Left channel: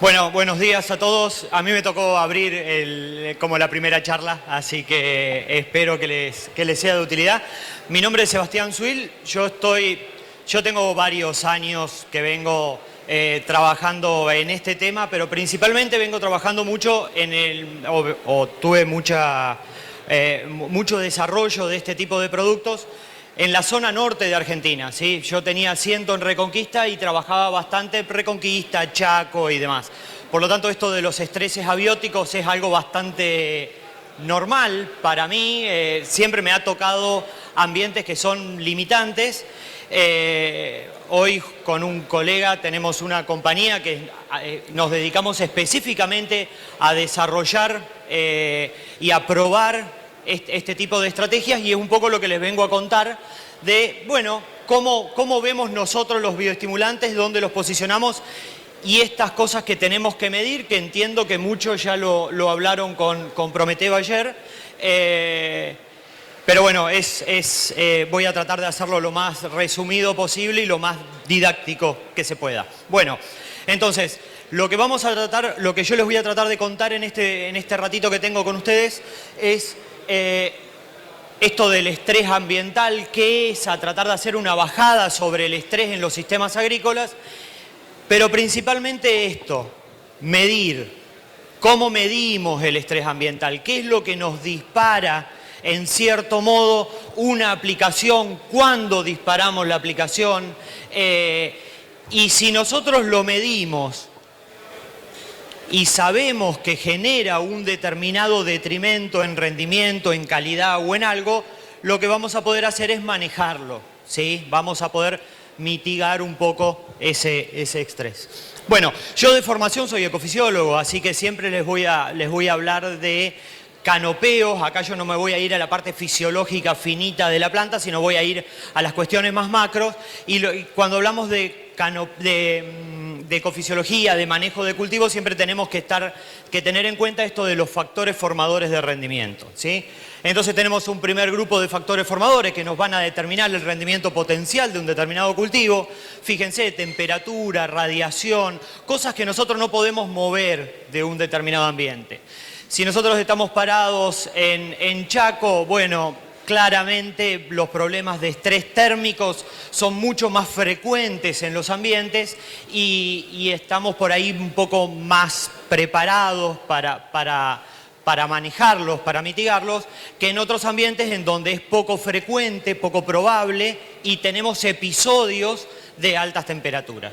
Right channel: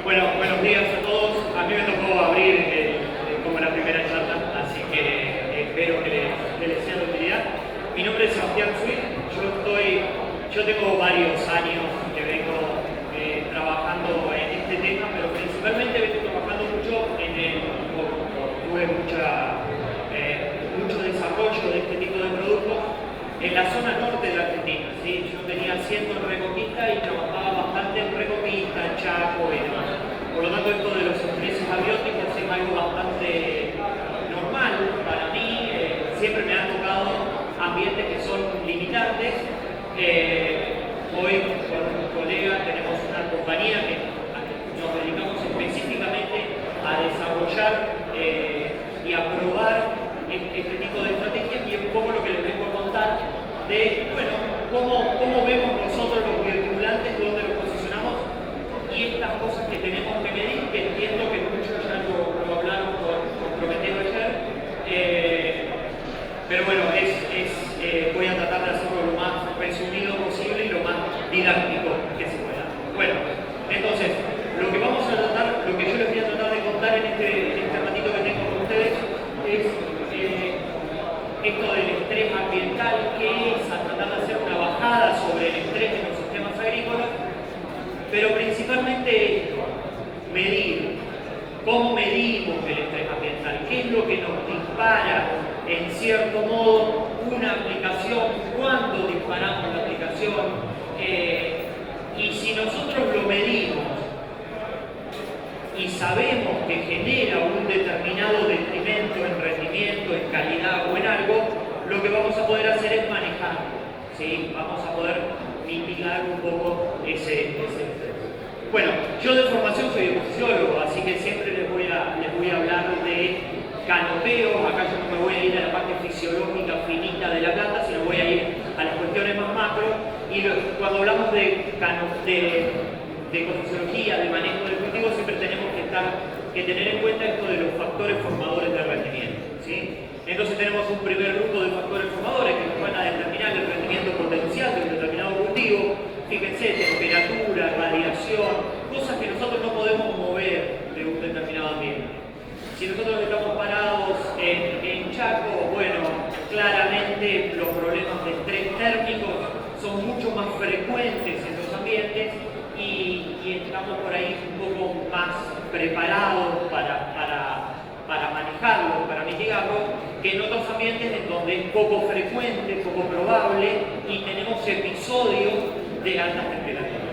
Bueno, buenos días a todos. A mí me tocó abrir como la primera charla, así que espero que les sea de utilidad. Mi nombre es Sebastián Suil. Yo tengo varios años que vengo trabajando en este tema, pero principalmente vengo trabajando mucho tuve mucho desarrollo de este tipo de productos en la zona norte de Argentina, ¿sí? Yo tenía asiento en Reconquista y trabajaba bastante en Reconquista, Chaco y demás. Por lo tanto, esto de los estreses abióticos es algo bastante normal para mí. Siempre me ha tocado ambientes que son limitantes. Hoy con un colega tenemos una compañía que nos dedicamos específicamente a desarrollar y a probar este tipo de estrategias, y es un poco lo que les vengo a contar de, bueno, cómo vemos nosotros los bioestimulantes, dónde los posicionamos y estas cosas que tenemos que medir, que entiendo que muchos ya lo hablaron con Prometeo ayer. Pero bueno, voy a tratar de hacerlo lo más resumido posible y lo más didáctico que se pueda. Bueno, entonces, lo que yo les voy a tratar de contar en este ratito que tengo con ustedes es esto del estrés ambiental, qué es, a tratar de hacer una bajada sobre el estrés en los sistemas agrícolas, pero principalmente esto, medir, cómo medimos el estrés ambiental, qué es lo que nos dispara, en cierto modo, una aplicación, cuándo disparamos la aplicación, y si nosotros lo medimos y sabemos que genera un determinado detrimento en rendimiento, en calidad o en algo, lo que vamos a poder hacer es manejarlo, ¿sí? Vamos a poder mitigar un poco ese estrés. Bueno, yo de formación soy ecofisiólogo, así que siempre les voy a hablar de canopeos. Acá yo no me voy a ir a la parte fisiológica finita de la planta, sino voy a ir a las cuestiones más macros. Y cuando hablamos de ecofisiología, de manejo de cultivos, siempre tenemos que tener en cuenta esto de los factores formadores de rendimiento, ¿sí? Entonces tenemos un primer grupo de factores formadores que nos van a determinar el rendimiento potencial de un determinado cultivo. Fíjense, temperatura, radiación, cosas que nosotros no podemos mover de un determinado ambiente. Si nosotros estamos parados en Chaco, bueno, claramente los problemas de estrés térmicos son mucho más frecuentes en los ambientes y estamos por ahí un poco más preparados para manejarlos, para mitigarlos, que en otros ambientes en donde es poco frecuente, poco probable y tenemos episodios de altas temperaturas.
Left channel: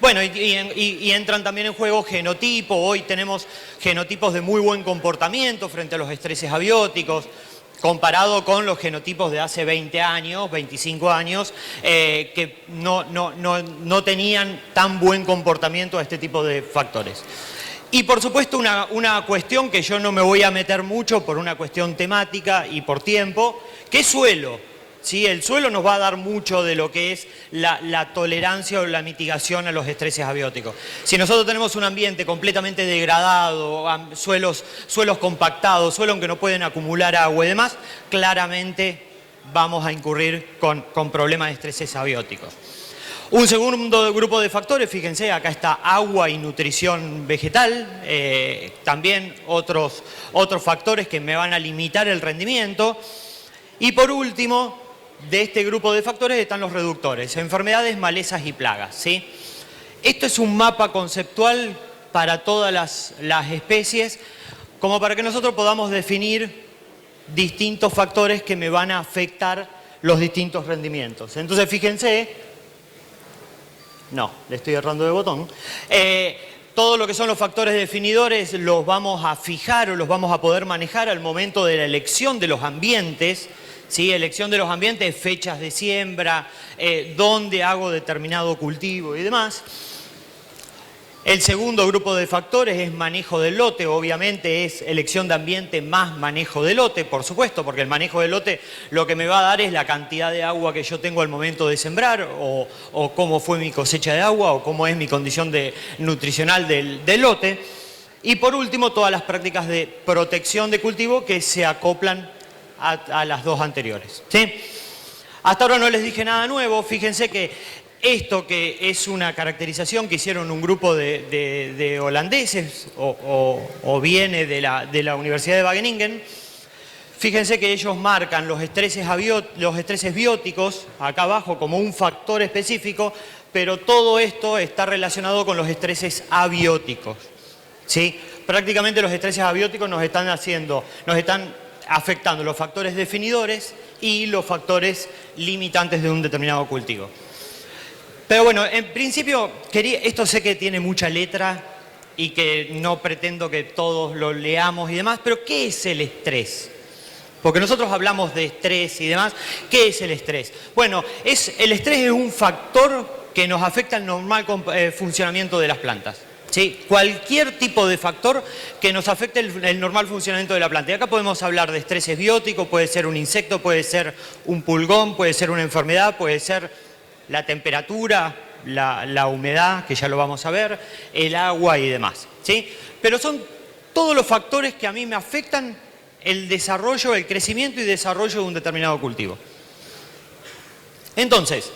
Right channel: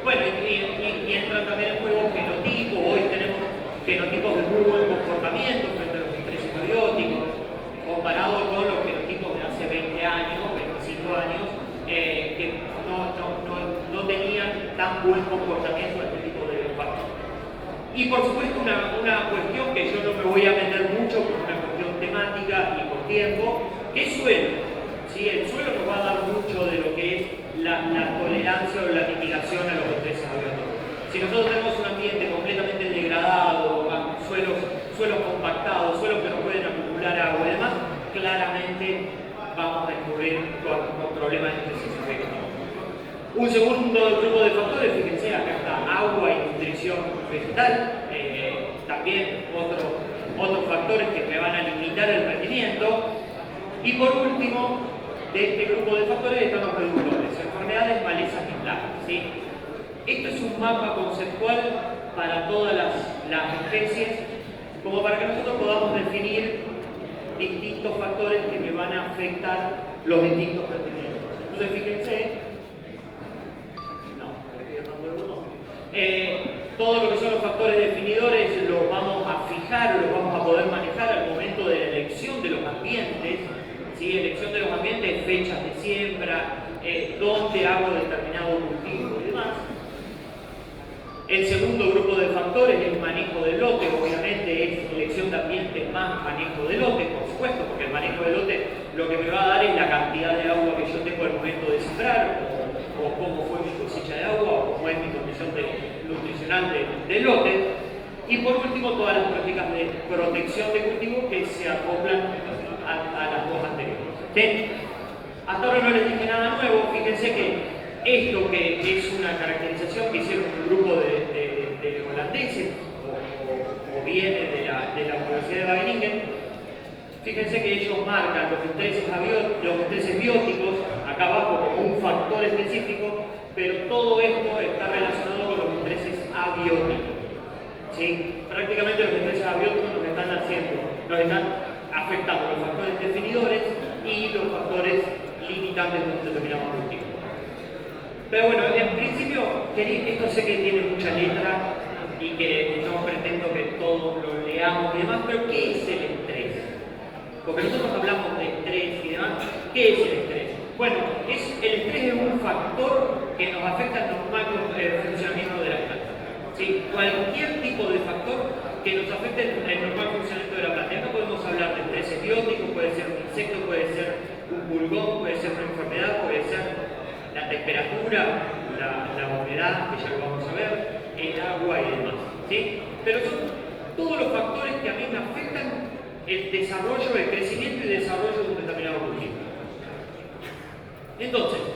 Bueno, y entran también en juego genotipos. Hoy tenemos genotipos de muy buen comportamiento frente a los estreses abióticos, comparado con los genotipos de hace 20 años, 25 años, que no tenían tan buen comportamiento a este tipo de factores. Y por supuesto una cuestión que yo no me voy a meter mucho por una cuestión temática y por tiempo, que es suelo. ¿Sí? El suelo nos va a dar mucho de lo que es la tolerancia o la mitigación a los estreses abióticos. Si nosotros tenemos un ambiente completamente degradado, suelos compactados, suelos que no pueden acumular agua y demás, claramente vamos a incurrir con problemas de estreses abióticos. Un segundo grupo de factores, fíjense, acá está agua y nutrición vegetal, también otros factores que me van a limitar el rendimiento. Y por último, de este grupo de factores están los reductores, enfermedades, malezas y plagas, ¿sí? Esto es un mapa conceptual para todas las especies, como para que nosotros podamos definir distintos factores que me van a afectar los distintos rendimientos. Entonces, fíjense, no, le estoy errando de botón. Todo lo que son los factores definidores los vamos a fijar o los vamos a poder manejar al momento de la elección de los ambientes, ¿sí? Elección de los ambientes, fechas de siembra, dónde hago determinado cultivo y demás. El segundo grupo de factores es manejo del lote, obviamente es elección de ambiente más manejo de lote, por supuesto, porque el manejo del lote lo que me va a dar es la cantidad de agua que yo tengo al momento de sembrar, o cómo fue mi cosecha de agua, o cómo es mi condición nutricional del lote. Y por último, todas las prácticas de protección de cultivo que se acoplan a las dos anteriores, ¿sí? Hasta ahora no les dije nada nuevo. Fíjense que esto que es una caracterización que hicieron un grupo de holandeses o viene de la Universidad de Wageningen. Fíjense que ellos marcan los estreses bióticos acá abajo como un factor específico, pero todo esto está relacionado con los estreses abióticos. ¿Sí? Prácticamente los estreses abióticos nos están afectando los factores definidores y los factores limitantes de un determinado cultivo. Pero bueno, en principio, esto sé que tiene mucha letra y que no pretendo que todos lo leamos y demás, pero ¿qué es el estrés? Porque nosotros hablamos de estrés y demás. ¿Qué es el estrés? Bueno, el estrés es un factor que nos afecta el normal funcionamiento de las plantas. ¿Sí? Cualquier tipo de factor que nos afecte el normal funcionamiento de la planta. Y acá podemos hablar de estrés biótico, puede ser un insecto, puede ser un pulgón, puede ser una enfermedad, puede ser la temperatura, la humedad, que ya lo vamos a ver, el agua y demás. ¿Sí? Pero son todos los factores que a mí me afectan el desarrollo, el crecimiento y desarrollo de un determinado cultivo. Entonces,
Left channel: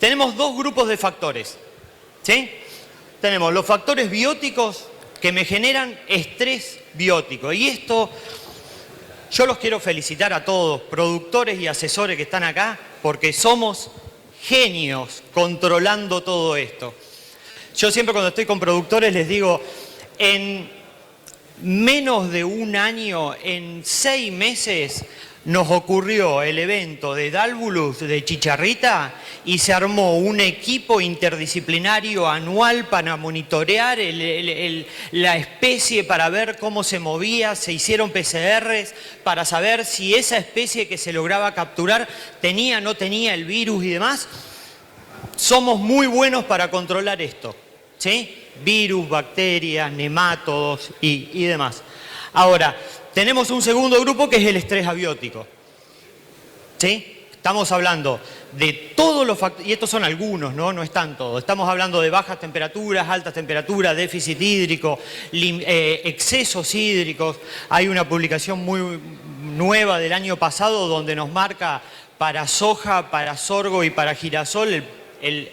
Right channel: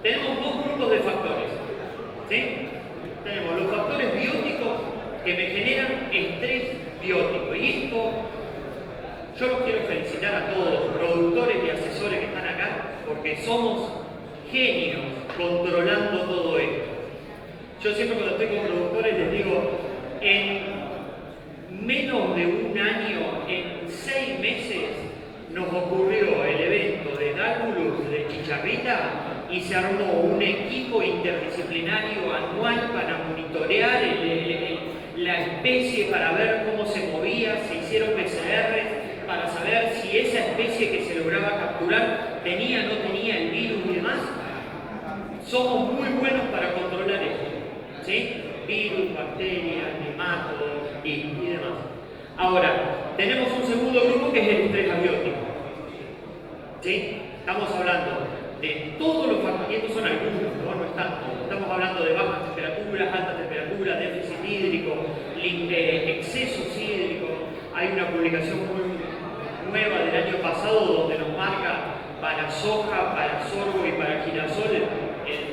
tenemos dos grupos de factores. ¿Sí? Tenemos los factores bióticos que me generan estrés biótico. Y esto, yo los quiero felicitar a todos, productores y asesores que están acá, porque somos genios controlando todo esto. Yo siempre cuando estoy con productores les digo, en menos de un año, en 6 meses, nos ocurrió el evento de Dálvulus de Chicharrita y se armó un equipo interdisciplinario anual para monitorear la especie, para ver cómo se movía, se hicieron PCRs para saber si esa especie que se lograba capturar tenía o no tenía el virus y demás. Somos muy buenos para controlar esto, ¿sí? Virus, bacterias, nemátodos y demás. Ahora, tenemos un segundo grupo que es el estrés abiótico. ¿Sí? Estamos hablando de todos los factores, y estos son algunos, no están todos. Estamos hablando de bajas temperaturas, altas temperaturas, déficit hídrico, excesos hídricos. Hay una publicación muy nueva del año pasado donde nos marca para soja, para sorgo y para girasol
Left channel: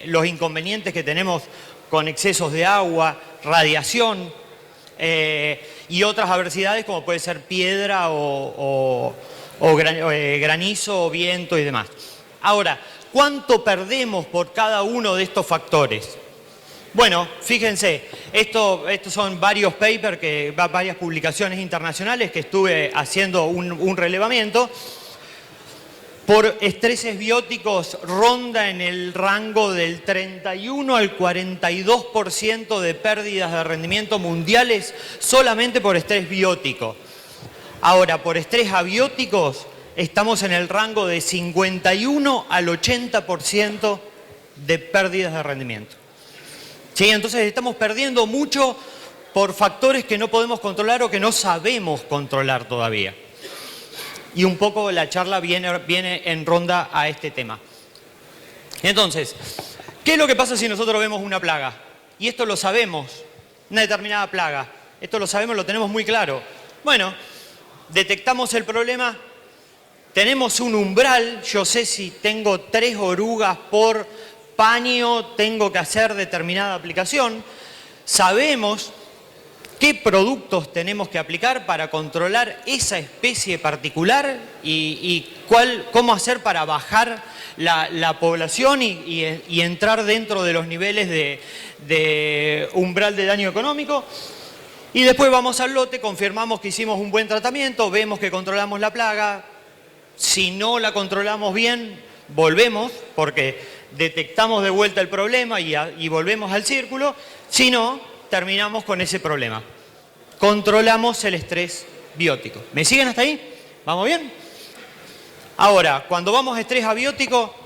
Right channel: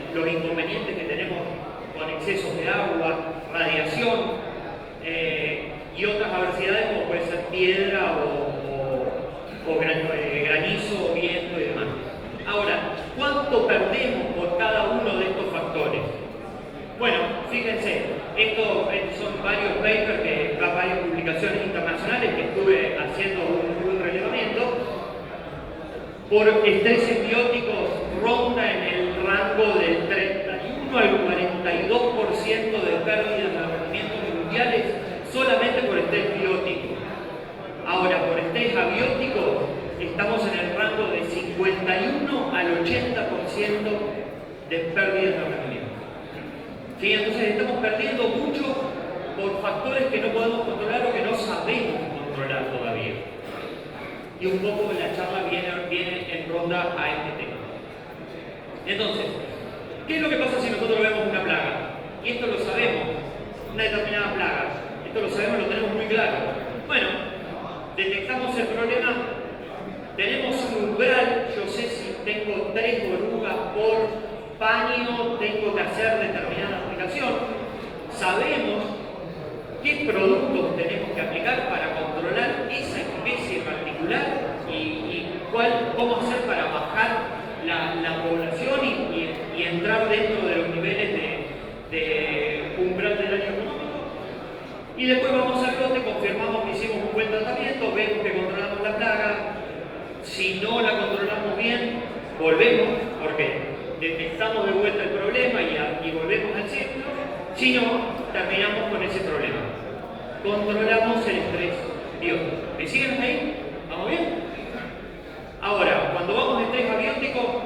los inconvenientes que tenemos con excesos de agua, radiación, y otras adversidades como puede ser piedra o granizo, viento y demás. Ahora, ¿cuánto perdemos por cada uno de estos factores? Bueno, fíjense, estos son varios papers, varias publicaciones internacionales que estuve haciendo un relevamiento. Por estreses bióticos ronda en el rango del 31 al 42% de pérdidas de rendimiento mundiales solamente por estrés biótico. Ahora, por estrés abióticos estamos en el rango de 51 al 80% de pérdidas de rendimiento. ¿Sí? Entonces estamos perdiendo mucho por factores que no podemos controlar o que no sabemos controlar todavía. Y un poco la charla viene en ronda a este tema. Entonces, ¿qué es lo que pasa si nosotros vemos una plaga? Y esto lo sabemos, una determinada plaga. Esto lo sabemos, lo tenemos muy claro. Bueno, detectamos el problema, tenemos un umbral, yo sé si tengo 3 orugas por paño, tengo que hacer determinada aplicación. Sabemos qué productos tenemos que aplicar para controlar esa especie particular y cómo hacer para bajar la población y entrar dentro de los niveles de umbral de daño económico. Y después vamos al lote, confirmamos que hicimos un buen tratamiento, vemos que controlamos la plaga. Si no la controlamos bien, volvemos porque detectamos de vuelta el problema y volvemos al círculo. Si no, terminamos con ese problema. Controlamos el estrés biótico. ¿Me siguen hasta ahí? ¿Vamos bien? Ahora, cuando vamos a estrés abiótico,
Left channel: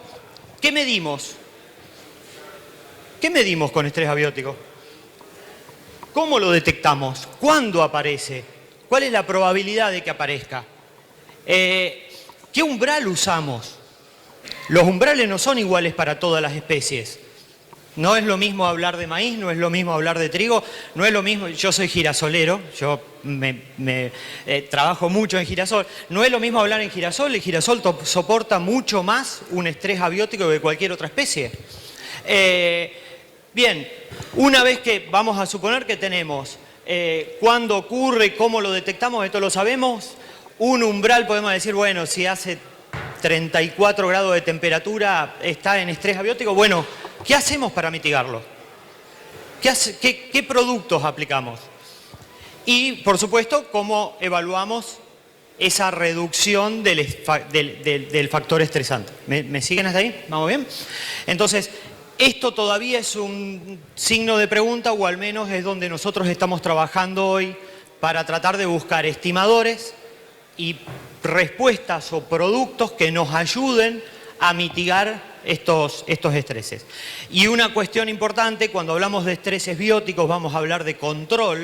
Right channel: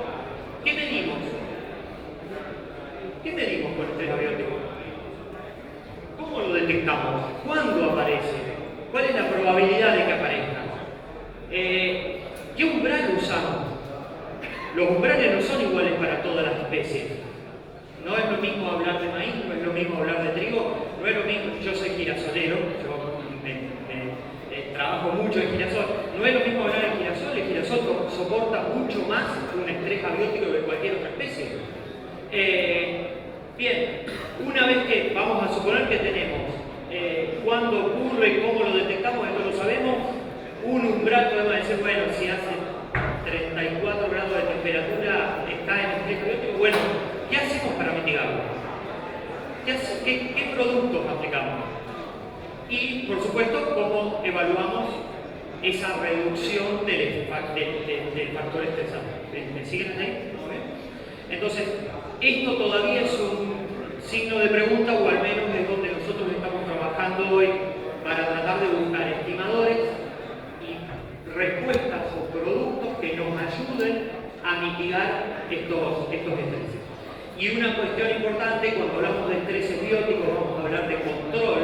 ¿qué medimos? ¿Qué medimos con estrés abiótico? ¿Cómo lo detectamos? ¿Cuándo aparece? ¿Cuál es la probabilidad de que aparezca? ¿Qué umbral usamos? Los umbrales no son iguales para todas las especies. No es lo mismo hablar de maíz, no es lo mismo hablar de trigo, no es lo mismo, yo soy girasolero, yo trabajo mucho en girasol, no es lo mismo hablar en girasol, el girasol soporta mucho más un estrés abiótico que cualquier otra especie. Bien, una vez que vamos a suponer que tenemos cuándo ocurre, cómo lo detectamos, esto lo sabemos, un umbral podemos decir, bueno, si hace 34 grados de temperatura está en estrés abiótico, bueno, ¿qué hacemos para mitigarlo? ¿Qué productos aplicamos? Y, por supuesto, ¿cómo evaluamos esa reducción del factor estresante? ¿Me siguen hasta ahí? ¿Vamos bien? Entonces, esto todavía es un signo de pregunta, o al menos es donde nosotros estamos trabajando hoy para tratar de buscar estimadores y respuestas o productos que nos ayuden a mitigar estos estreses. Y una cuestión importante, cuando hablamos de estreses bióticos, vamos a hablar de control.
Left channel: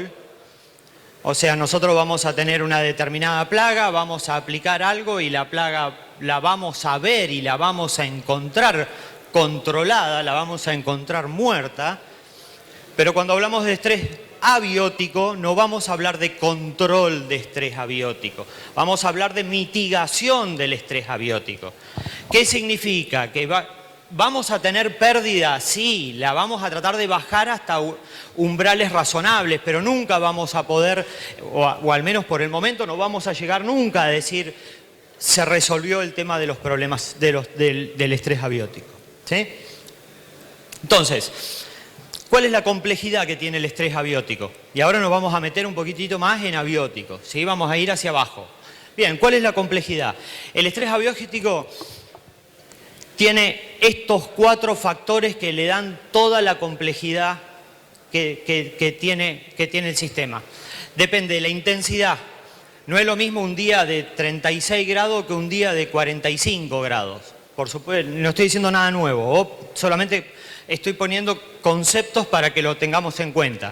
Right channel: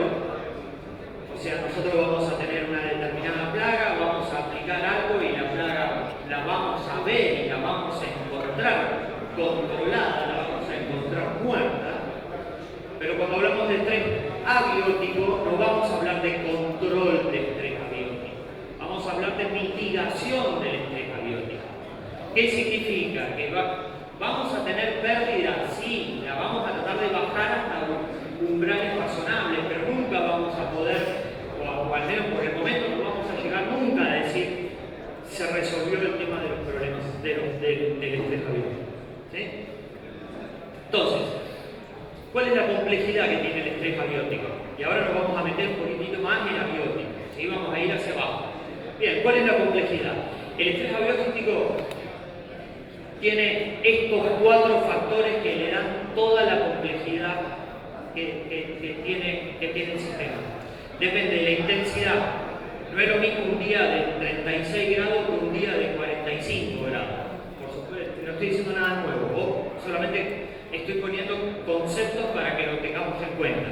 O sea, nosotros vamos a tener una determinada plaga, vamos a aplicar algo y la plaga la vamos a ver y la vamos a encontrar controlada, la vamos a encontrar muerta. Pero cuando hablamos de estrés abiótico, no vamos a hablar de control de estrés abiótico, vamos a hablar de mitigación del estrés abiótico. ¿Qué significa? Que vamos a tener pérdida, sí, la vamos a tratar de bajar hasta umbrales razonables, pero nunca vamos a poder, o al menos por el momento, no vamos a llegar nunca a decir se resolvió el tema de los problemas del estrés abiótico. ¿Sí? Entonces, ¿cuál es la complejidad que tiene el estrés abiótico? Y ahora nos vamos a meter un poquitito más en abiótico, ¿sí? Vamos a ir hacia abajo. Bien, ¿cuál es la complejidad? El estrés abiótico tiene estos 4 factores que le dan toda la complejidad que tiene el sistema. Depende de la intensidad. No es lo mismo un día de 36 grados que un día de 45 grados. Por supuesto, no estoy diciendo nada nuevo, solamente estoy poniendo conceptos para que lo tengamos en cuenta.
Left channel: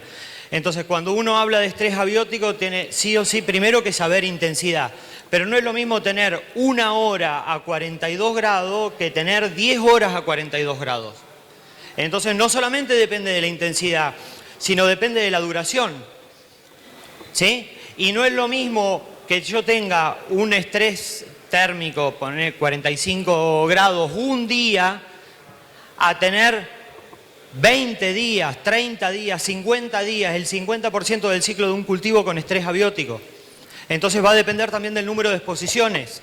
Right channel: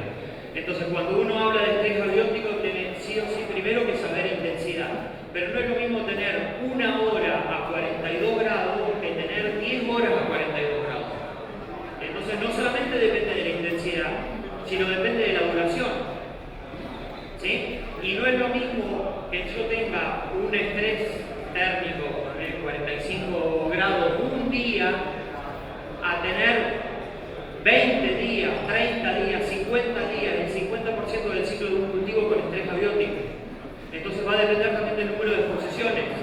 Entonces, cuando uno habla de estrés abiótico, tiene sí o sí primero que saber intensidad. Pero no es lo mismo tener 1 hora a 42 grados que tener 10 horas a 42 grados. Entonces, no solamente depende de la intensidad, sino depende de la duración. ¿Sí? Y no es lo mismo que yo tenga un estrés térmico, poner 45 grados un día, a tener 20 días, 30 días, 50 días, el 50% del ciclo de un cultivo con estrés abiótico. Entonces va a depender también del número de exposiciones.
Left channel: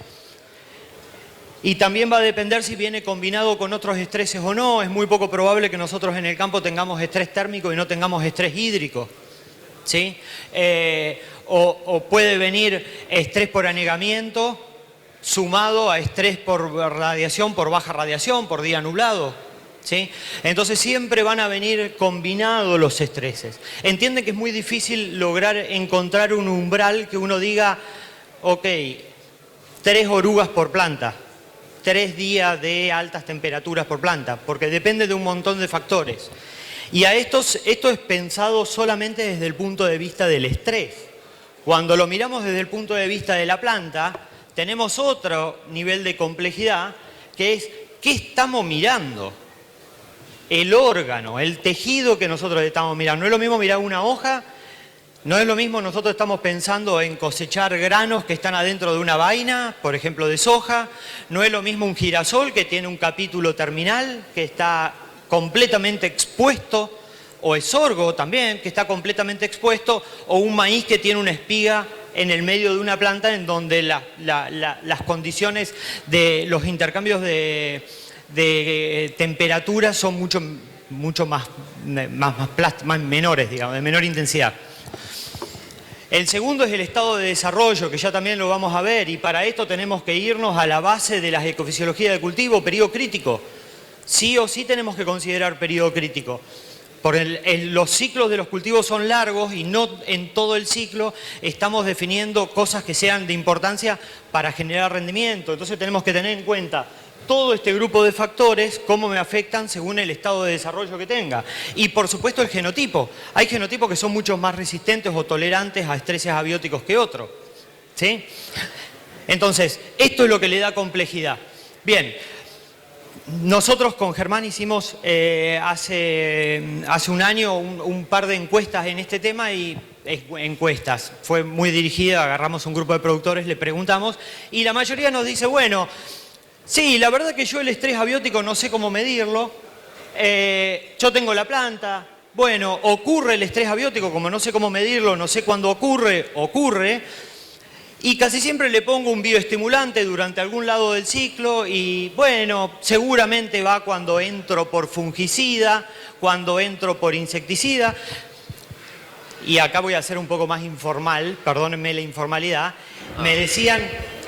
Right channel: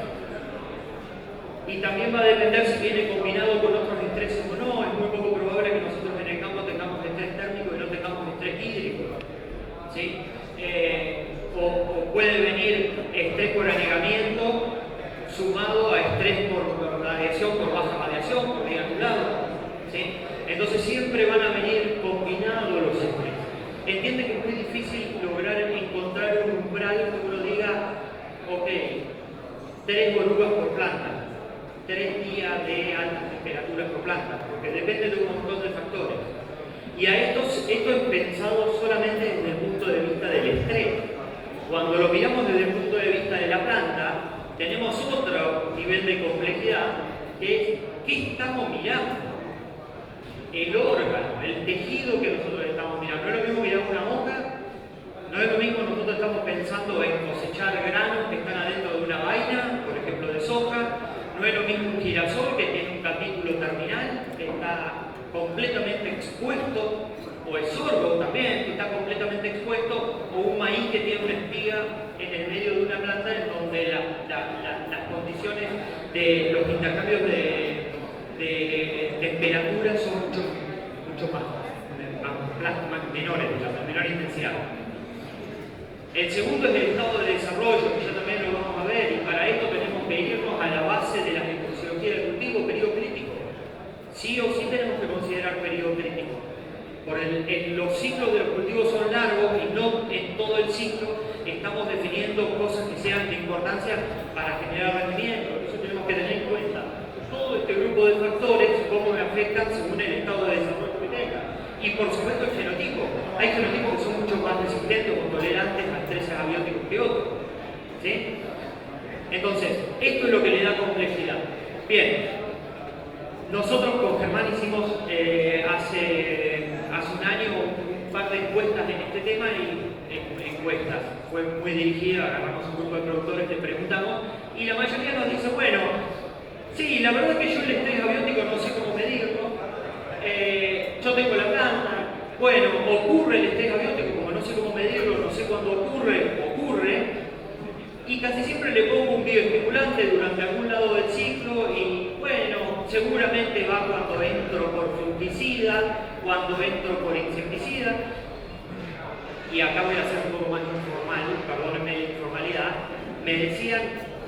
Y también va a depender si viene combinado con otros estreses o no. Es muy poco probable que nosotros en el campo tengamos estrés térmico y no tengamos estrés hídrico. ¿Sí? O puede venir estrés por anegamiento sumado a estrés por radiación, por baja radiación, por día nublado. ¿Sí? Entonces siempre van a venir combinados los estreses. Entienden que es muy difícil lograr encontrar un umbral que uno diga, ok, 3 orugas por planta, 3 días de altas temperaturas por planta, porque depende de un montón de factores. Y esto es pensado solamente desde el punto de vista del estrés. Cuando lo miramos desde el punto de vista de la planta, tenemos otro nivel de complejidad, que es ¿qué estamos mirando? El órgano, el tejido que nosotros estamos mirando. No es lo mismo mirar una hoja, no es lo mismo nosotros estamos pensando en cosechar granos que están adentro de una vaina, por ejemplo de soja. No es lo mismo un girasol que tiene un capítulo terminal, que está completamente expuesto, o el sorgo también, que está completamente expuesto, o un maíz que tiene una espiga en el medio de una planta en donde las condiciones de los intercambios de temperatura son mucho más menores, digamos, de menor intensidad. El segundo es el estado de desarrollo, que ya también lo vamos a ver, y para esto tenemos que irnos a la base de la ecofisiología de cultivo, periodo crítico. Sí o sí tenemos que considerar periodo crítico. Los ciclos de los cultivos son largos y no en todo el ciclo estamos definiendo cosas que sean de importancia para generar rendimiento. Entonces tenemos que tener en cuenta todo este grupo de factores, cómo me afectan según el estado de desarrollo que tenga. Y por supuesto el genotipo. Hay genotipos que son mucho más resistentes o tolerantes a estreses abióticos que otros. ¿Sí? Entonces, esto es lo que le da complejidad. Bien. Nosotros con Germán hicimos hace un año un par de encuestas en este tema y encuestas. Fue muy dirigida, agarramos un grupo de productores, le preguntamos y la mayoría nos dice, bueno, sí, la verdad que yo el estrés abiótico no sé cómo medirlo, yo tengo la planta, bueno, ocurre el estrés abiótico, como no sé cómo medirlo, no sé cuándo ocurre, y casi siempre le pongo un bioestimulante durante algún lado del ciclo y bueno, seguramente va cuando entro por fungicida, cuando entro por insecticida. Y acá voy a ser un poco más informal, perdónenme la informalidad, me decían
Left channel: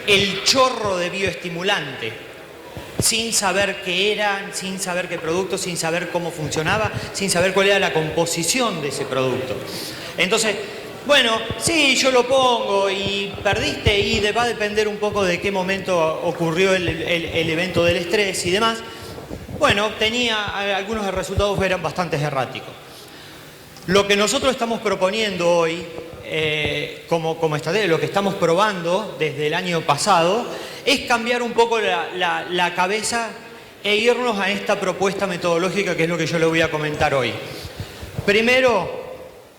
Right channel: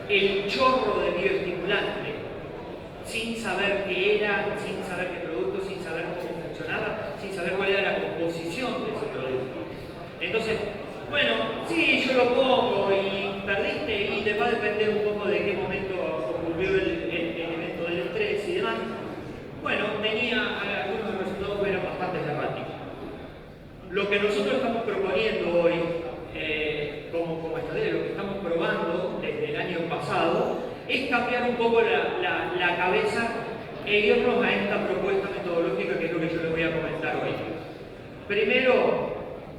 el chorro de bioestimulante, sin saber qué era, sin saber qué producto, sin saber cómo funcionaba, sin saber cuál era la composición de ese producto. Entonces, bueno, sí, yo lo pongo y perdiste y va a depender un poco de qué momento ocurrió el evento del estrés y demás. Bueno, algunos resultados eran bastante erráticos. Lo que nosotros estamos proponiendo hoy, como estrategia, lo que estamos probando desde el año pasado, es cambiar un poco la cabeza e irnos a esta propuesta metodológica que es lo que yo les voy a comentar hoy. Primero,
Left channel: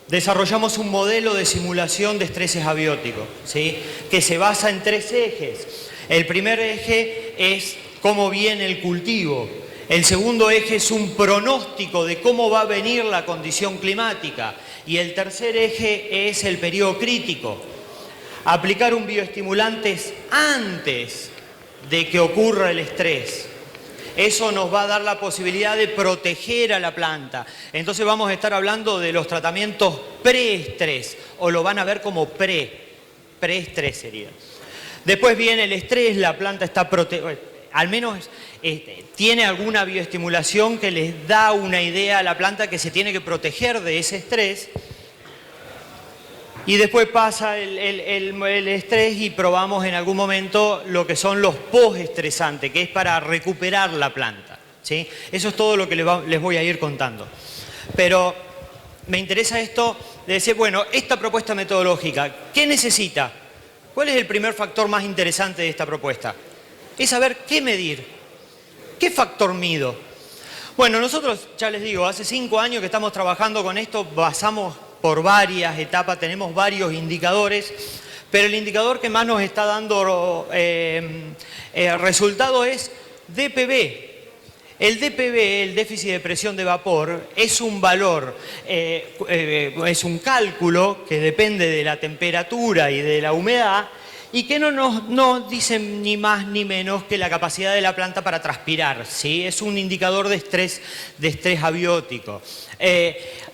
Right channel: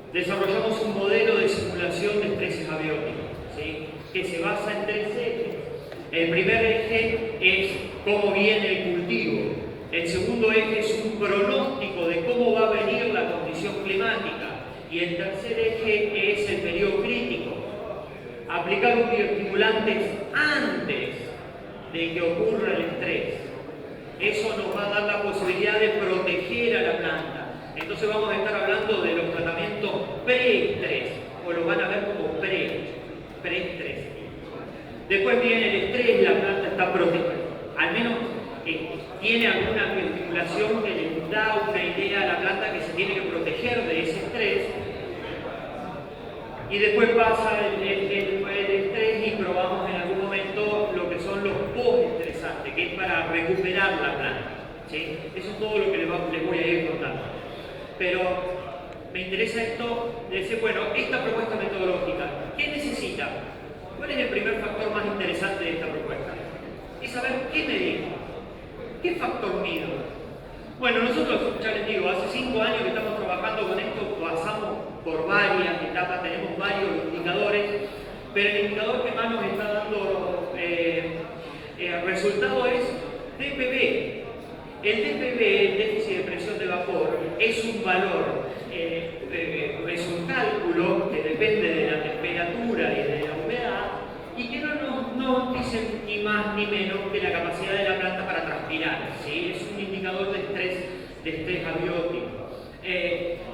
desarrollamos un modelo de simulación de estreses abióticos, ¿sí? Que se basa en 3 ejes. El primer eje es cómo viene el cultivo. El segundo eje es un pronóstico de cómo va a venir la condición climática. Y el tercer eje es el periodo crítico. Aplicar un bioestimulante antes de que ocurra el estrés. Eso nos va a dar la posibilidad de proteger a la planta. Entonces vamos a estar hablando de los tratamientos preestrés, o lo van a ver como preestrés sería. Después viene el estrés, la planta está protegida, al menos tiene alguna bioestimulación que les da una idea a la planta que se tiene que proteger de ese estrés. Y después pasa el estrés y probamos en algún momento lo que son los postestresantes, que es para recuperar la planta, ¿sí? Eso es todo lo que les voy a ir contando. Pero me interesa esto de decir, bueno, esta propuesta metodológica, ¿qué necesita? ¿Cuál es el primer factor más interesante de esta propuesta? Es saber qué medir. ¿Qué factor mido? Bueno, nosotros, ya les digo, hace 5 años que estamos trabajando con esto, pasamos por varias etapas, tenemos varios indicadores, pero el indicador que más nos está dando resultado es DPV. El DPV, el déficit de presión de vapor, es un valor, es un cálculo que depende de la temperatura y de la humedad, y que no nos dicen ni más ni menos que la capacidad de la planta para transpirar, ¿sí? Es un indicador de estrés abiótico.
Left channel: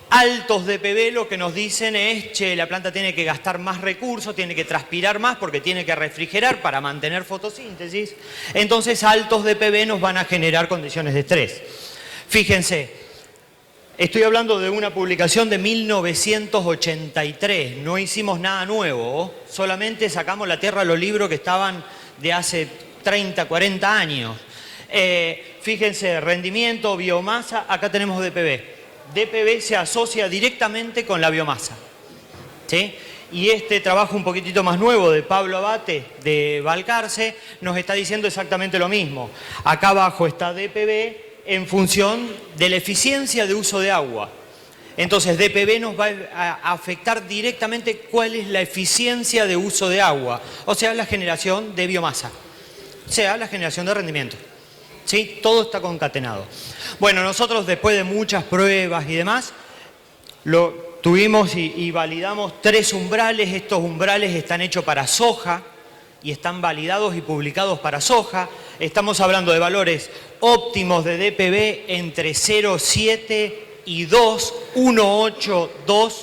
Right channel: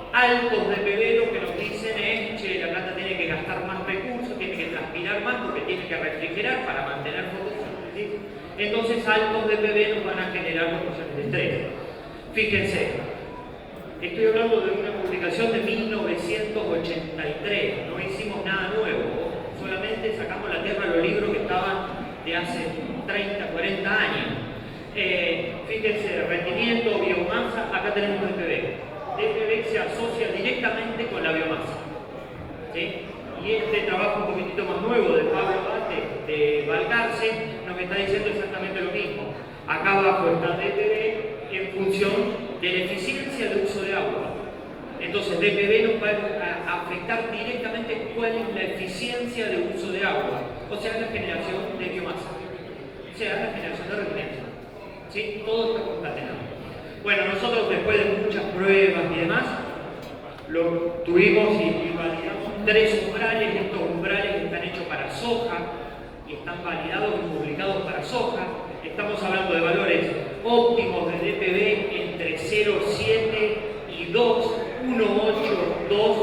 Altos DPV lo que nos dicen es, che, la planta tiene que gastar más recursos, tiene que transpirar más porque tiene que refrigerar para mantener fotosíntesis. Entonces altos DPV nos van a generar condiciones de estrés. Fíjense, estoy hablando de una publicación de 1983, no hicimos nada nuevo, solamente sacamos la tierra a los libros que estaban de hace 30, 40 años. Fíjense, rendimiento, biomasa, acá tenemos DPV. DPV se asocia directamente con la biomasa, ¿sí? Y este trabajo un poquitito más nuevo de Pablo Abate de Balcarce nos está diciendo exactamente lo mismo. Acá abajo está DPV en función de la eficiencia de uso de agua. Entonces DPV nos va a afectar directamente cuál es la eficiencia de uso de agua, o sea, la generación de biomasa, o sea, la generación de rendimiento, ¿sí? Todo está concatenado. Bueno, nosotros después de muchas pruebas y demás, lo tuvimos y validamos 3 umbrales. Estos umbrales están hechos para soja y están validados y publicados para soja. Estamos hablando de valores óptimos de DPV entre 0,7 y 2, 1,8, 2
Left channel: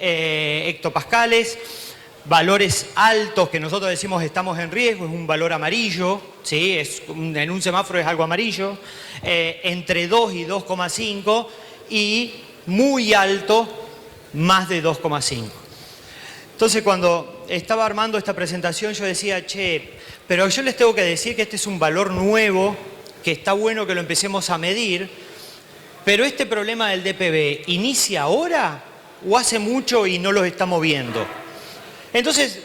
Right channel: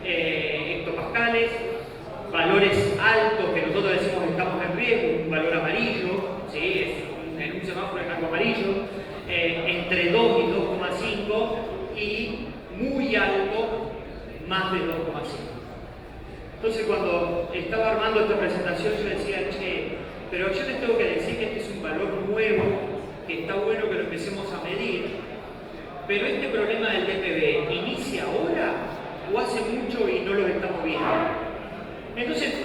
hectopascales. Valores altos que nosotros decimos estamos en riesgo, es un valor amarillo, ¿sí? En un semáforo es algo amarillo, entre 2 y 2,5 y muy alto, más de 2,5. Entonces cuando estaba armando esta presentación yo decía, che, pero yo les tengo que decir que este es un valor nuevo, que está bueno que lo empecemos a medir, pero este problema del DPV, ¿inicia ahora o hace mucho y no lo estamos viendo? Entonces,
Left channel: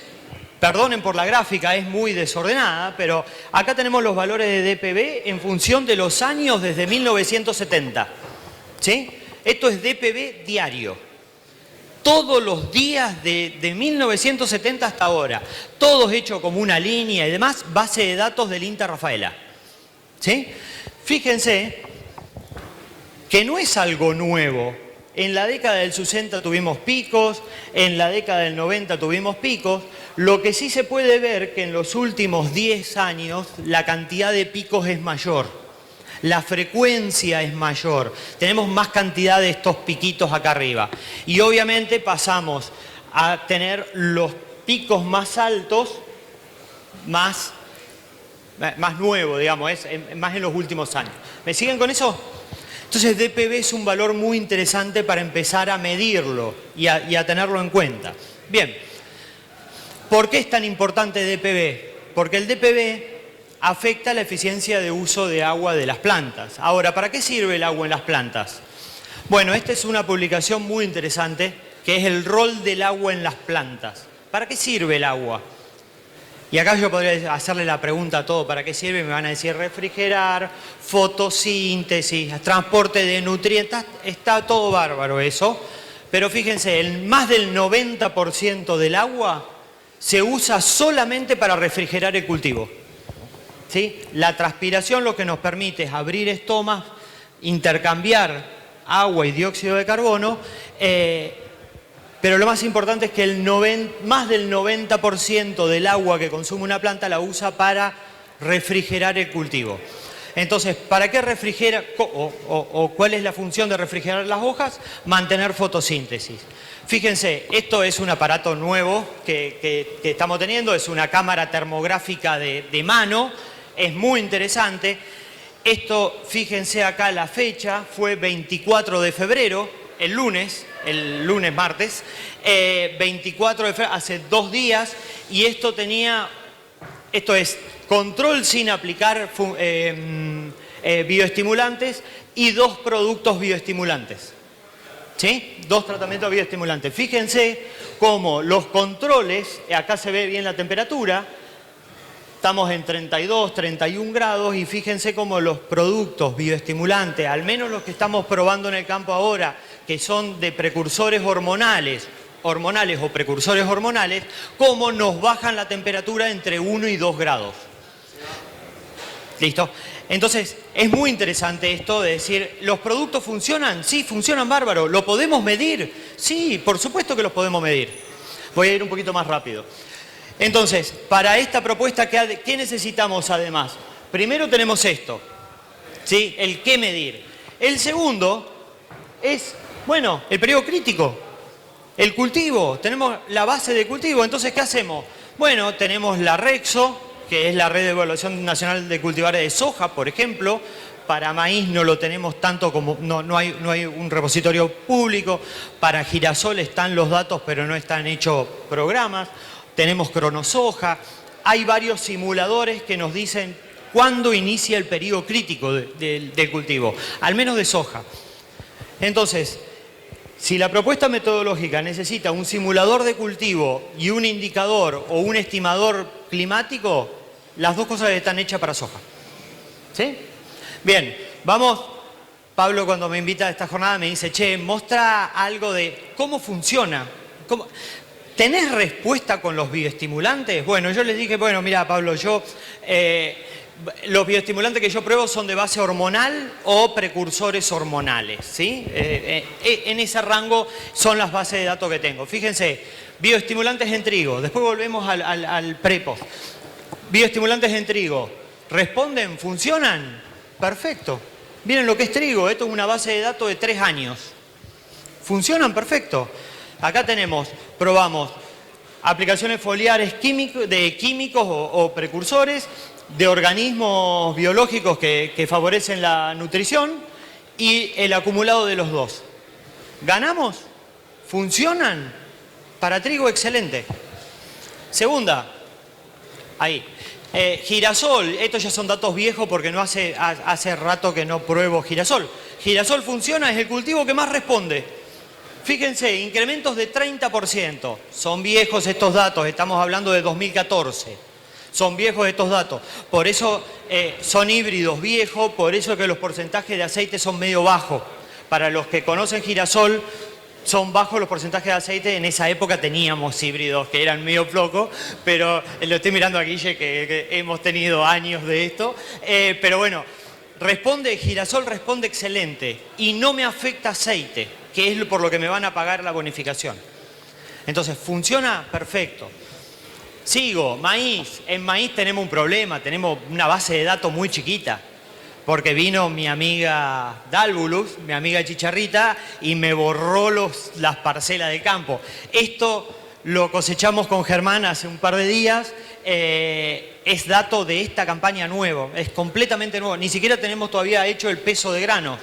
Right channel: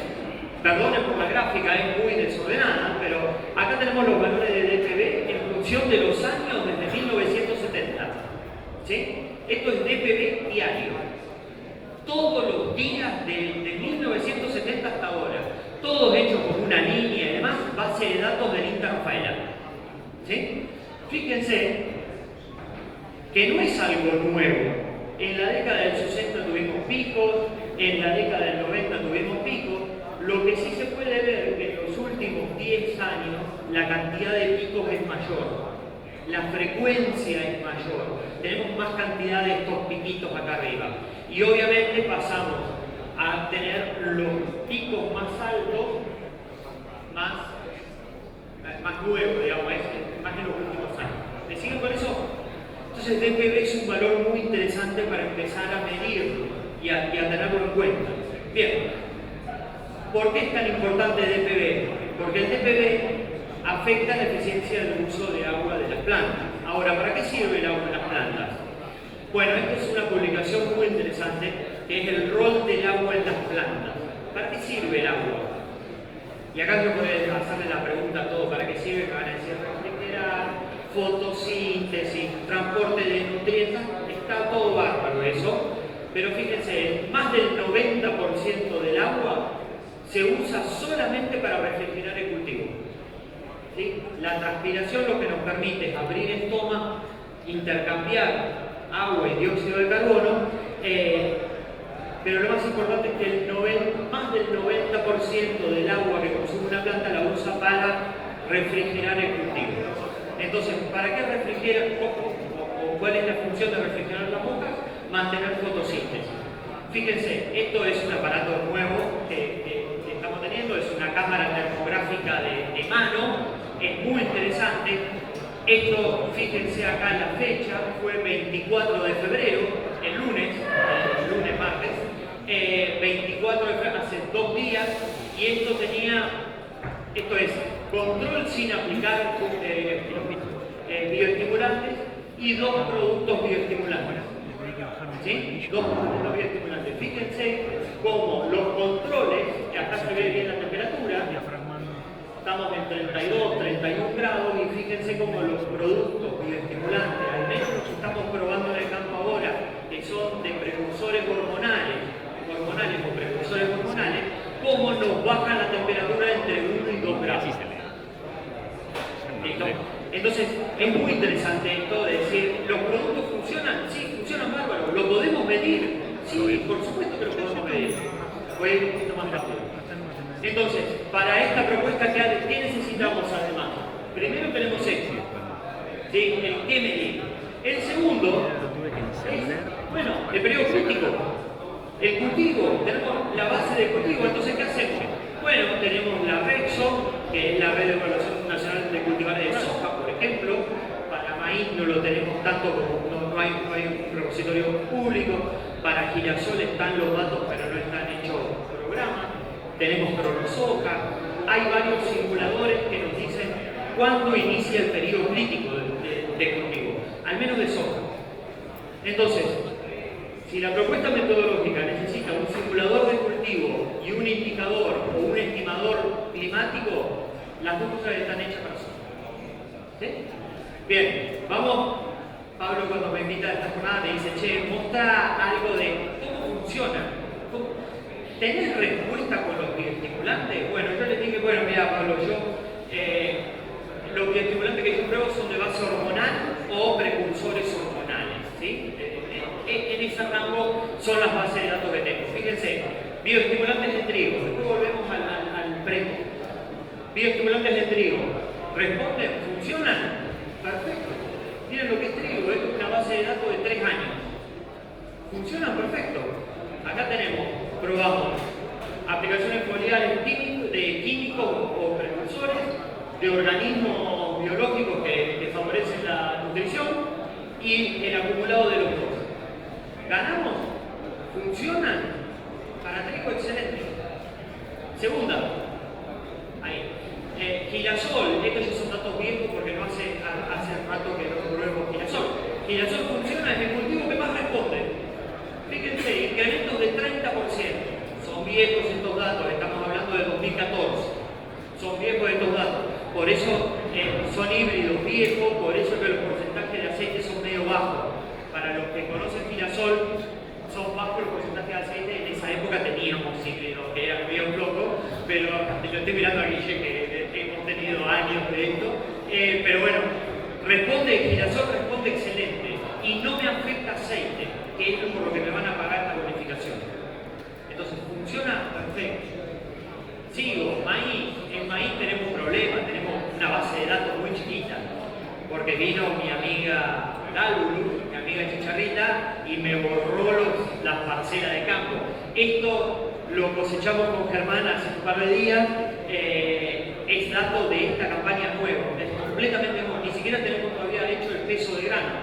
perdonen por la gráfica, es muy desordenada, pero acá tenemos los valores de DPV en función de los años desde 1970, ¿sí? Esto es DPV diario, todos los días de 1970 hasta ahora, todos hechos como una línea y demás, base de datos del INTA Rafaela, ¿sí? Fíjense que no es algo nuevo. En la década del 60 tuvimos picos, en la década del 90 tuvimos picos. Lo que sí se puede ver que en los últimos 10 años la cantidad de picos es mayor, la frecuencia es mayor, tenemos más cantidad de estos piquitos acá arriba. Y obviamente pasamos a tener los picos más altos, más nuevos, digamos, más en los últimos años. ¿Me siguen con eso? Entonces DPB es un valor muy interesante para empezar a medirlo y a tenerlo en cuenta. Bien, ¿por qué es tan importante DPB? Porque el DPB afecta la eficiencia de uso de agua de las plantas. Ahora, ¿para qué sirve el agua en las plantas? Bueno, esta es una publicación muy interesante que es el rol del agua en las plantas. ¿Para qué sirve el agua? Y acá yo podría hacerle la pregunta a todo, ¿para qué sirve? Me van a decir refrigerar, fotosíntesis, transporte de nutrientes, está todo bárbaro eso, pero fíjense, más del 90% del agua se usa solamente para refrigerar el cultivo. ¿Sí? La transpiración lo que nos permite es abrir estomas, intercambiar agua y dióxido de carbono, pero lo más importante es que más del 90% del agua que consume una planta la usa para refrigerar el cultivo. Entonces, ¿para qué refrigera o cuál es la función de refrigerar las hojas? Mantener fotosíntesis. Fíjense, esto es un aparato nuevo que estamos teniendo, es una cámara termográfica de mano, es muy interesante. Esto, fíjense acá la fecha, fue 24 de febrero, el lunes martes, 24 de febrero, hace 2 días, y esto es control sin aplicar bioestimulantes y 2 productos bioestimulantes. ¿Sí? 2 tratamientos bioestimulantes. Fíjense cómo los controles, acá se ve bien la temperatura, estamos en 32, 31 grados y fíjense cómo los productos bioestimulantes, al menos los que estamos probando en el campo ahora, que son de precursores hormonales o precursores hormonales, cómo nos bajan la temperatura entre 1 y 2 grados. ¿Listo? Entonces, es muy interesante esto de decir, ¿los productos funcionan? Sí, funcionan bárbaro. ¿Lo podemos medir? Sí, por supuesto que los podemos medir. Voy a ir un poquito más rápido. Entonces, para esta propuesta, ¿qué necesitamos además? Primero tenemos esto, ¿sí? El qué medir. El segundo es, bueno, el periodo crítico. El cultivo, tenemos la base de cultivo. Entonces, ¿qué hacemos? Bueno, tenemos la REXO, que es la Red de Evaluación Nacional de Cultivares de Soja, por ejemplo. Para maíz no lo tenemos tanto como, no hay un repositorio público. Para girasol están los datos, pero no están hechos programas. Tenemos cronosoja. Hay varios simuladores que nos dicen cuándo inicia el periodo crítico de cultivo, al menos de soja. Entonces, si la propuesta metodológica necesita un simulador de cultivo y un indicador o un estimador climático, las dos cosas están hechas para soja. ¿Sí? Bien, vamos. Pablo, cuando me invita a esta jornada me dice, che, muestra algo de cómo funciona. ¿Tenés respuesta con los bioestimulantes? Bueno, yo les dije, bueno, mira, Pablo, los bioestimulantes que yo pruebo son de base hormonal o precursores hormonales, ¿sí? En ese rango son las bases de datos que tengo. Fíjense, bioestimulantes en trigo, después volvemos al prepost. Bioestimulantes en trigo, ¿responden? ¿Funcionan? Perfecto. Miren lo que es trigo, esto es una base de datos de 3 años. ¿Funcionan? Perfecto. Acá probamos aplicaciones foliares de químicos o precursores, de organismos biológicos que favorecen la nutrición y el acumulado de los dos. ¿Ganamos? ¿Funcionan? Para trigo, excelente. Segunda, ahí. Girasol, estos ya son datos viejos porque no hace rato que no pruebo girasol. Girasol funciona, es el cultivo que más responde. Fíjense, incrementos de 30%. Son viejos estos datos, estamos hablando de 2014. Son viejos estos datos, por eso son híbridos viejos, por eso es que los porcentajes de aceite son medio bajos. Para los que conocen girasol, son bajos los porcentajes de aceite. En esa época teníamos híbridos que eran medio flocos, pero lo estoy mirando a Guille, que hemos tenido años de esto. Pero bueno, Girasol responde excelente y no me afecta aceite, que es por lo que me van a pagar la bonificación. Entonces, funciona perfecto. Sigo, maíz. En maíz tenemos un problema, tenemos una base de datos muy chiquita. Porque vino mi amiga Dálvulus, mi amiga Chicharrita, y me borró las parcelas de campo. Esto lo cosechamos con Germán hace un par de días. Es dato de esta campaña nuevo, es completamente nuevo. Ni siquiera tenemos todavía hecho el peso de granos.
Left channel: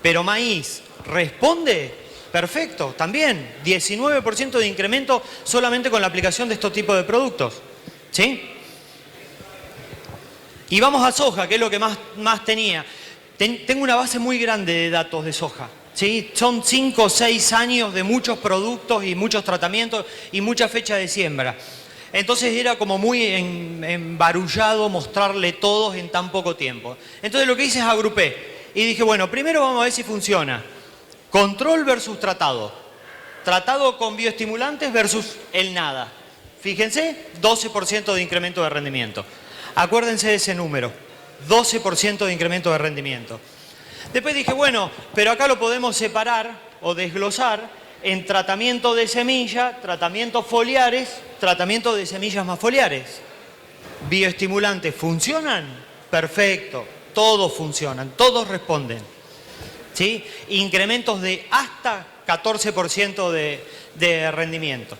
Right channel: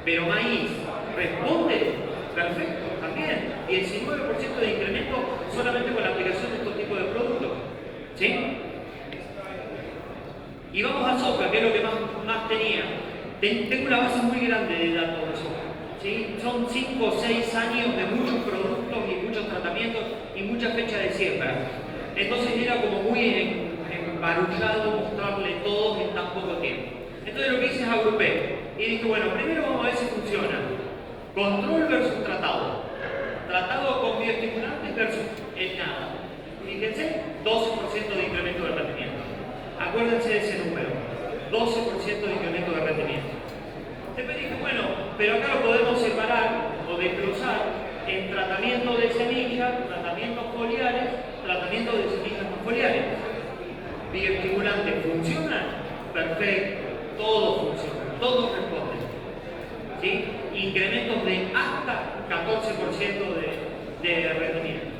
Pero maíz, ¿responde? Perfecto, también. 19% de incremento solamente con la aplicación de estos tipos de productos. ¿Sí? Y vamos a soja, que es lo que más tenía. Tengo una base muy grande de datos de soja. ¿Sí? Son 5 o 6 años de muchos productos y muchos tratamientos y muchas fechas de siembra. Entonces era como muy embarullado mostrarle todos en tan poco tiempo. Entonces lo que hice es agrupé. Y dije, bueno, primero vamos a ver si funciona. Control versus tratado. Tratado con bioestimulantes versus el nada. Fíjense, 12% de incremento de rendimiento. Acuérdense de ese número, 12% de incremento de rendimiento. Después dije, bueno, pero acá lo podemos separar o desglosar en tratamiento de semilla, tratamientos foliares, tratamiento de semillas más foliares. ¿Bioestimulantes funcionan? Perfecto, todos funcionan, todos responden. ¿Sí? Incrementos de hasta 14% de rendimiento.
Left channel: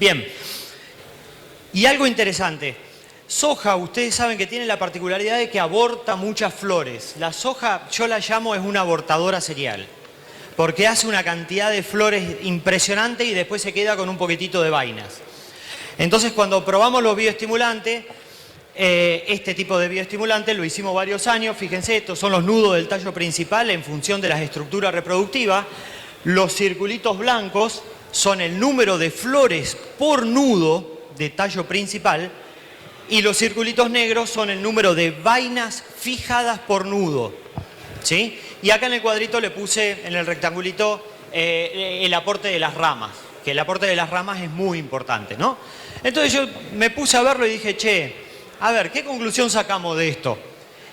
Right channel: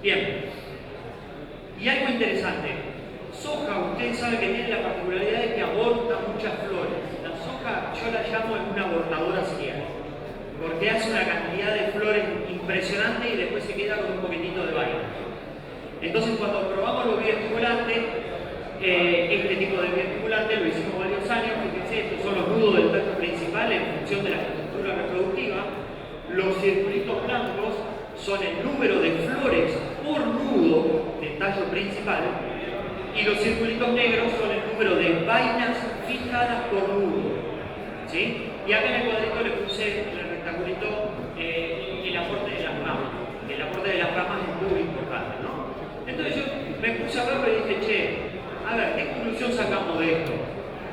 Bien, y algo interesante. Soja, ustedes saben que tiene la particularidad de que aborta muchas flores. La soja, yo la llamo, es una abortadora serial, porque hace una cantidad de flores impresionante y después se queda con un poquitito de vainas. Entonces, cuando probamos los bioestimulantes, este tipo de bioestimulantes lo hicimos varios años. Fíjense, estos son los nudos del tallo principal en función de las estructuras reproductivas. Los circulitos blancos son el número de flores por nudo de tallo principal. Y los circulitos negros son el número de vainas fijadas por nudo. ¿Sí? Y acá en el cuadrito le puse, en el rectangulito, el aporte de las ramas. Que el aporte de las ramas es muy importante, ¿no? Entonces yo me puse a verlo y dije, che, a ver, ¿qué conclusión sacamos de esto?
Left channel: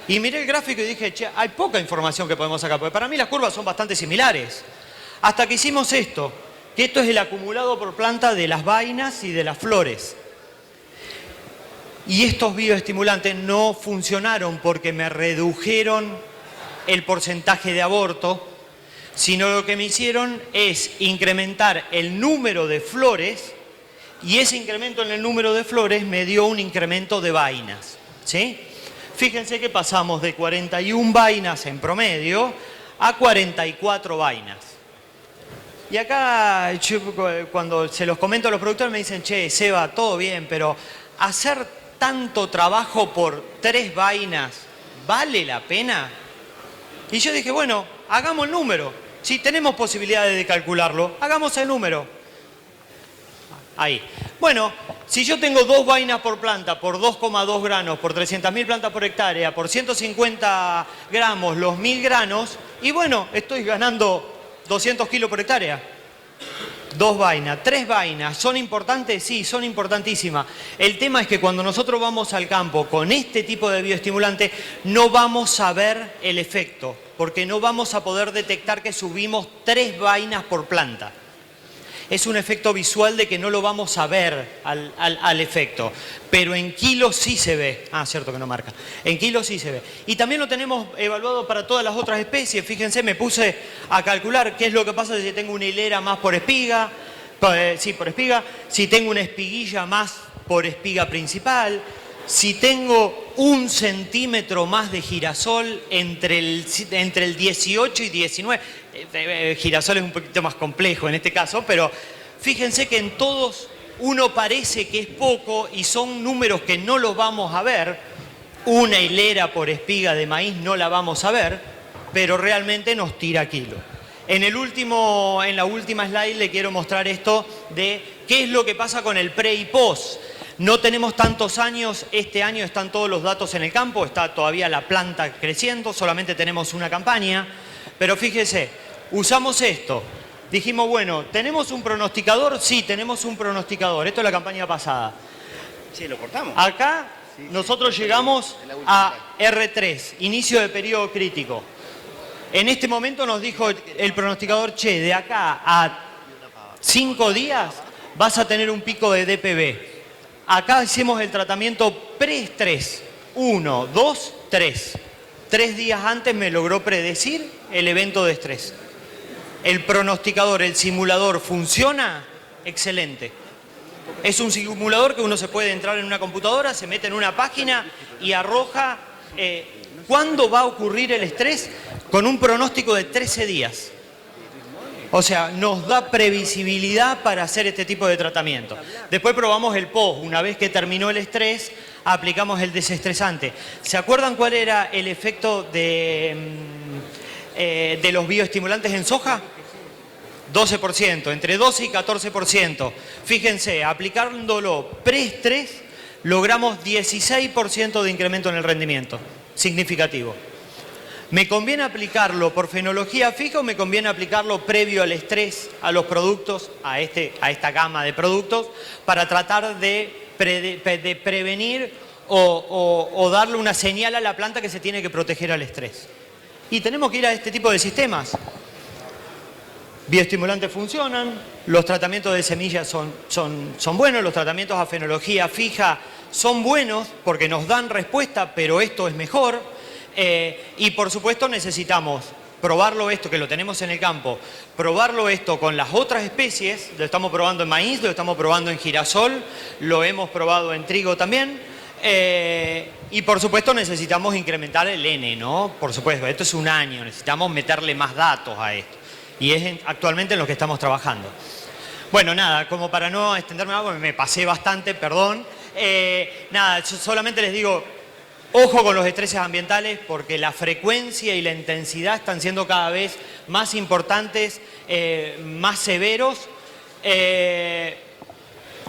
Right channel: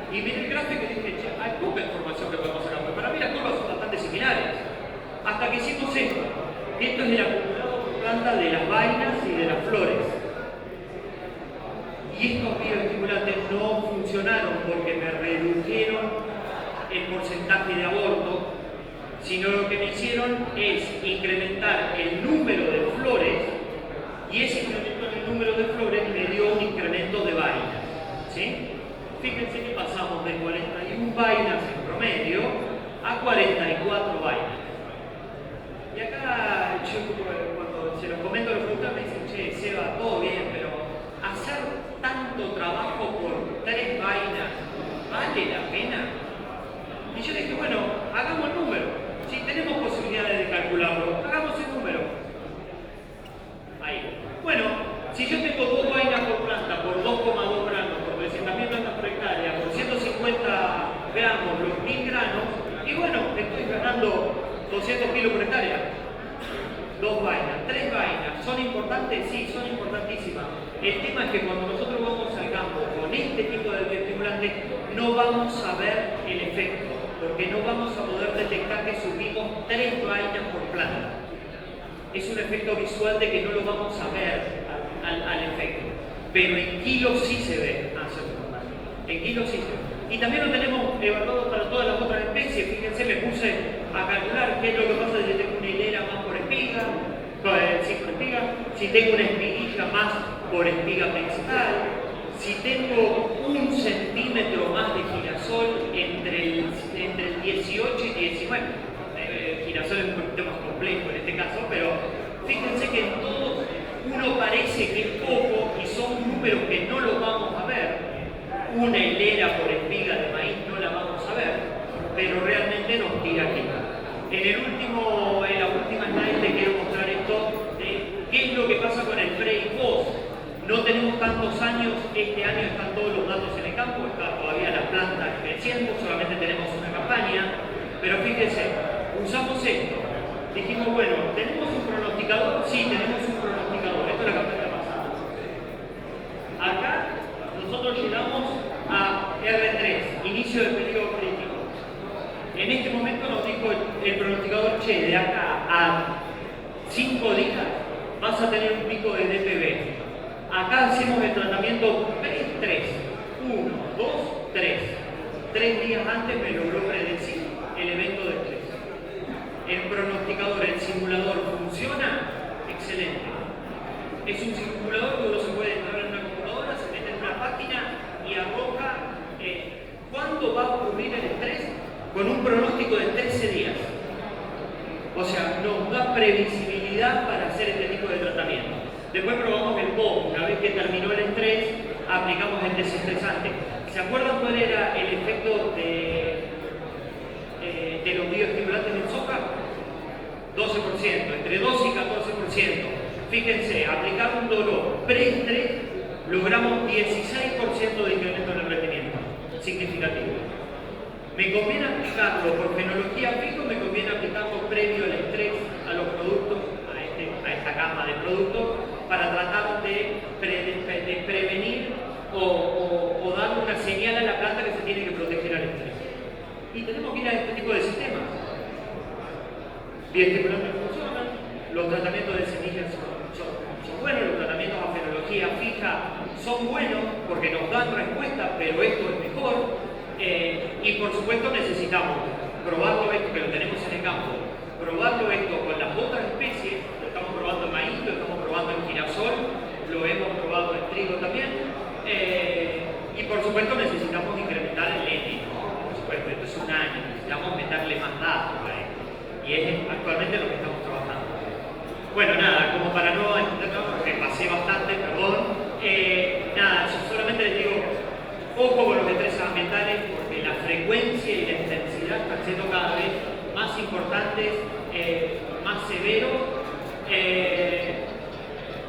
Y miré el gráfico y dije, che, hay poca información que podemos sacar, porque para mí las curvas son bastante similares. Hasta que hicimos esto, que esto es el acumulado por planta de las vainas y de las flores. Y estos bioestimulantes no funcionaron porque me redujeron el porcentaje de aborto, sino lo que me hicieron es incrementar el número de flores, y ese incremento en el número de flores me dio un incremento de vainas. ¿Sí? Fíjense que pasamos de 41 vainas en promedio a 44 vainas. Y acá, cuando se los comento a los productores, me dicen, che, Seba, todo bien, pero hacer tanto trabajo por 3 vainas, ¿vale la pena? Y yo dije, bueno, hagamos el número. Si tenemos posibilidades de calcularlo, hagamos el número. Ahí. Bueno, si yo tengo 2 vainas por planta, por 2,2 granos, por 300.000 plantas por hectárea, por 150 gramos los 1.000 granos, y bueno, estoy ganando 200 kilos por hectárea. 2 vainas, 3 vainas, ¿son importantes? Sí, son importantísimas. El tema es que cuando nosotros vamos al campo con este tipo de bioestimulante, no vamos a ver el efecto, porque no vamos a poder detectar que subimos 3 vainas por planta. Es un efecto visual de que no lo vamos a ver al efecto, pero en kilos sí se ve. Ah, cierto que no marca. En kilos sí se ve. Y también lo tenemos evaluado para todas las otras especies. Fíjense, me puse a calcular qué es lo que pasa si tengo una hilera más por espiga. Sí, por espiga. Si tengo una espiguilla más por espiga principal. Si tengo 1 centímetro más de girasol entre el 18 y 19. Girasol es un poquito más complejo en este caso, pero fíjense que en todos uno parece que es poco y son números que no los vamos a ver. Una hilera por espiga de maíz no la vamos a ver, pero realmente nos tira aquí. En la última slide le quiero mostrar esto de qué es lo que pasa con el pre y post. No tenemos tantos años, este año están todos los datos en el campo, está todavía la planta creciendo, solamente tenemos una campaña, pero fíjese, usamos esto, dijimos, bueno, ¿tenemos un pronosticador? Sí, tenemos un pronosticador, esto es la campaña pasada. Sí, lo cortamos. Acá, nosotros llegamos a R3, inicio de periodo crítico. En este momento nos dijo el pronosticador, che, de acá a 5 días vas a tener un pico de DPB. Acá hacemos el tratamiento pre-estrés. 1, 2, 3. 3 días antes me logró predecir el evento de estrés. El pronosticador, el simulador, ¿funciona? Excelente. Es un simulador que uno se puede entrar en una computadora, se mete en una página y arroja cuándo va a ocurrir el estrés con un pronóstico de 13 días. O sea, nos da previsibilidad para hacer este tipo de tratamiento. Después probamos el post. Una vez que terminó el estrés, aplicamos el desestresante. ¿Se acuerdan cuál era el efecto de los bioestimulantes en soja? 12%, entre 12 y 14%. Fíjense, aplicándolo preestrés, logramos 16% de incremento en el rendimiento. Significativo. ¿Me conviene aplicarlo por fenología fija o me conviene aplicarlo previo al estrés, a los productos, a esta gama de productos, para tratar de prevenir o darle una señal a la planta que se tiene que proteger al estrés? Y tenemos que ir a este tipo de sistemas. Bioestimulantes funcionan, los tratamientos de semillas son buenos, los tratamientos a fenología fija son buenos porque nos dan respuesta, pero esto es mejor. Y por supuesto necesitamos probarlo esto, que lo tenemos en el campo, probarlo esto con las otras especies. Lo estamos probando en maíz, lo estamos probando en girasol, lo hemos probado en trigo también. Y por supuesto necesitamos incrementar el N, ¿no? Por supuesto, esto es un año, necesitamos meterle más datos a esto. Y es actualmente en lo que estamos trabajando. Bueno, nada, como para no extenderme más, me pasé bastante, perdón. Nada, solamente les digo, ojo con los estreses ambientales, porque la frecuencia y la intensidad están siendo cada vez más importantes, más severos.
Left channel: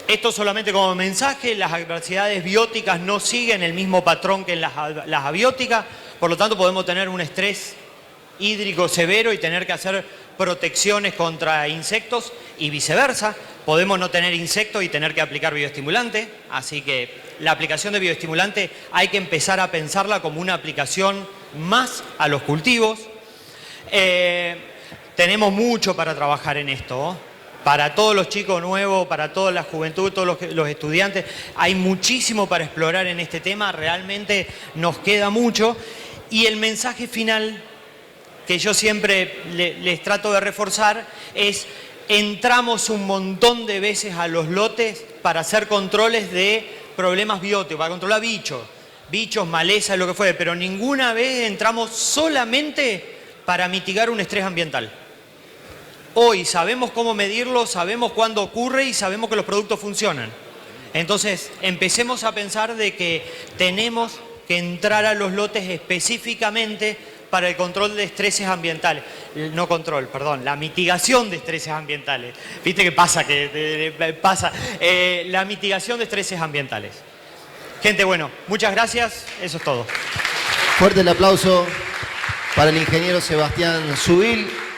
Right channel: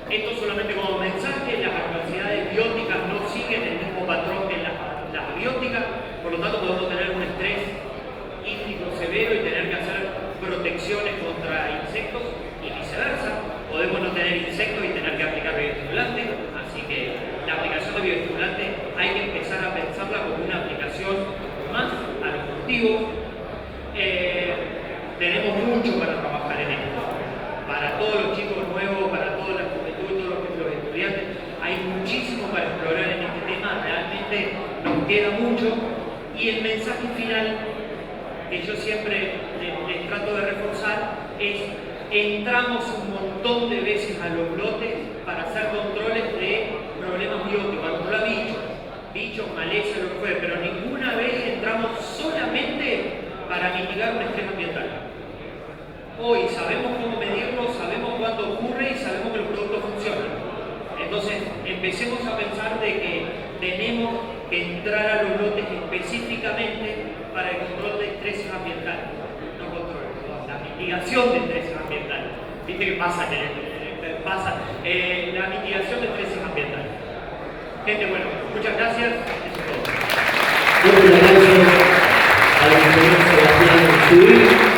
Esto solamente como mensaje, las adversidades bióticas no siguen el mismo patrón que las abióticas, por lo tanto podemos tener un estrés hídrico severo y tener que hacer protecciones contra insectos y viceversa. Podemos no tener insectos y tener que aplicar bioestimulante, así que la aplicación de bioestimulante hay que empezar a pensarla como una aplicación más a los cultivos. Tenemos mucho para trabajar en esto, ¿no? Para todos los chicos nuevos, para toda la juventud, todos los estudiantes, hay muchísimo para explorar en este tema, realmente nos queda mucho. Y el mensaje final que yo siempre les trato de reforzar es: entramos un montón de veces a los lotes para hacer controles de problemas bióticos, para controlar bichos, malezas, lo que fuere, pero ninguna vez entramos solamente para mitigar un estrés ambiental. Hoy sabemos cómo medirlo, sabemos cuándo ocurre y sabemos que los productos funcionan. Entonces empecemos a pensar de que tenemos que entrar a los lotes específicamente para el control de estreses ambientales. No control, perdón, la mitigación de estreses ambientales. ¿Viste qué pasa? La mitigación de estreses ambientales. Gente, bueno, muchas gracias, eso es todo. Fuerte el aplauso para el ingeniero Sebastián Subil.